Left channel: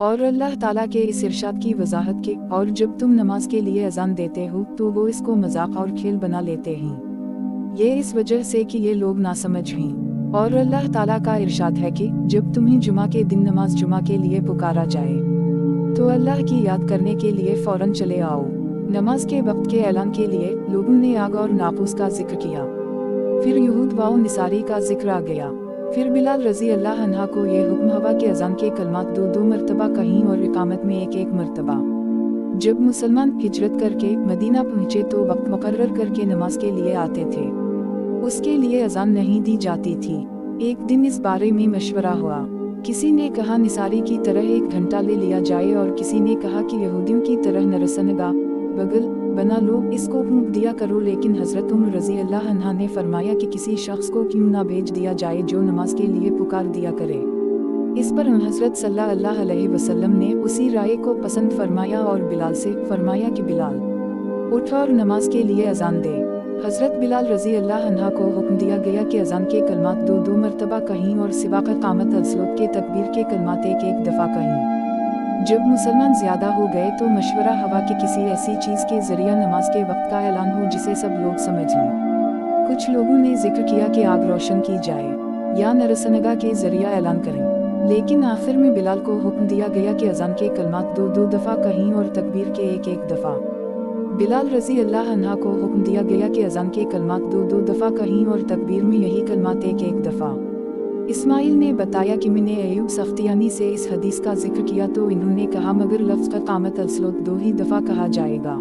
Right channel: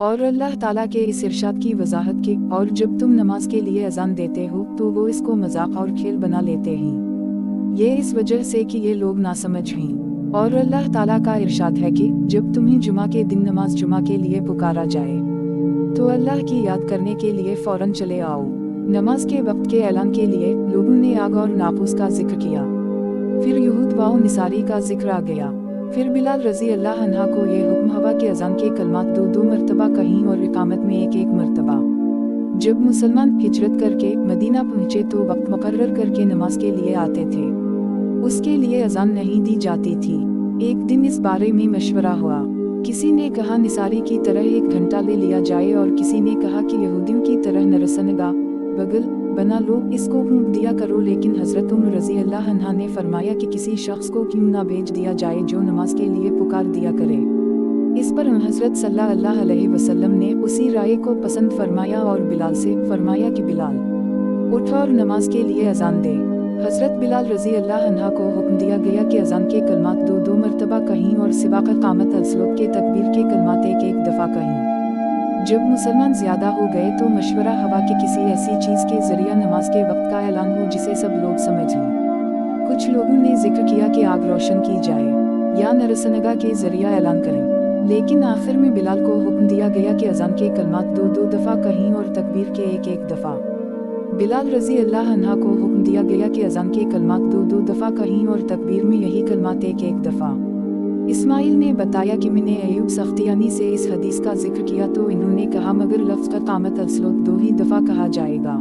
اور اللہ تعالیٰ کے اس ارشاد کی وضاحت کی، اور جب تم نماز کے لیے اذان دیتے ہو تو وہ اس کو مذاق اور کھیل بنا لیتے ہیں، یہ اس وجہ سے کہ یہ لوگ ناسمجھ ہیں۔ اور اللہ تعالیٰ کا ارشاد ہے کہ جب تمہیں جمعہ کے دن نماز جمعہ کے لیے پکارا جائے تو اللہ کی یاد کرنے کے لیے فوراً چلے آؤ۔ نماز کے وقت کے اعلان کے لیے لوگوں نے آگ اور ناقوس کا ذکر کیا، پھر یہود و نصاری کا ذکر آ گیا۔ پھر بلال رضی اللہ عنہ کو یہ حکم ہوا کہ اذان کے کلمات 2 مرتبہ کہیں اور اقامت میں 1 مرتبہ۔ جب مسلمان ہجرت کر کے مدینہ پہنچے تو وقت مقرر کر کے نماز کے لیے آتے تھے، اس کے لیے اذان نہیں دی جاتی تھی۔ ایک دن اس بارے میں مشورہ ہوا، کسی نے کہا نصاری کی طرح 1 گھنٹہ لے لیا جائے، اور کسی نے کہا کہ یہودیوں کی طرح نرسنگا بغل بنا لو اس کو پھونک دیا کرو، لیکن حضرت عمر رضی اللہ عنہ نے فرمایا کہ کسی شخص کو کیوں نہ بھیج دیا جائے جو نماز کے لیے پکار دیا کرے۔ اس پر حضرت صلی اللہ علیہ وسلم نے اسی رائے کو پسند فرمایا اور بلال سے فرمایا کہ بلال اٹھ اور نماز کے لیے اذان دے۔ حضرت بلال رضی اللہ عنہ کو حکم دیا گیا کہ اذان کے کلمات 2 مرتبہ کہیں اور سباق قامت الصلاۃ کے تکبیر کے کلمات 1 دفعہ کہیں۔ جب مسلمان زیادہ ہو گئے تو مشورہ ہوا کہ کسی ایسی چیز کے ذریعہ نماز کے وقت کا اعلان ہو جسے سب لوگ سمجھ لیں۔ کچھ لوگوں نے ذکر کیا کہ آگ روشن کی جائے یا نرسنگا کے ذریعہ اعلان کریں، لیکن آخر میں بلال کو حکم دیا گیا کہ اذان کے کلمات 2 دفعہ کہیں اور تکبیر کے 1 دفعہ۔ بلال رضی اللہ عنہ کو حکم دیا گیا کہ اذان کے کلمات 2 دفعہ کہیں اور تکبیر میں یہی کلمات 1 دفعہ۔ اسماعیل نے بتایا کہ میں نے ایوب سختیانی سے اس حدیث کا ذکر کیا تو انہوں نے کہا مگر لفظ قامت الصلاۃ 2 ہی دفعہ کہا جائے گا۔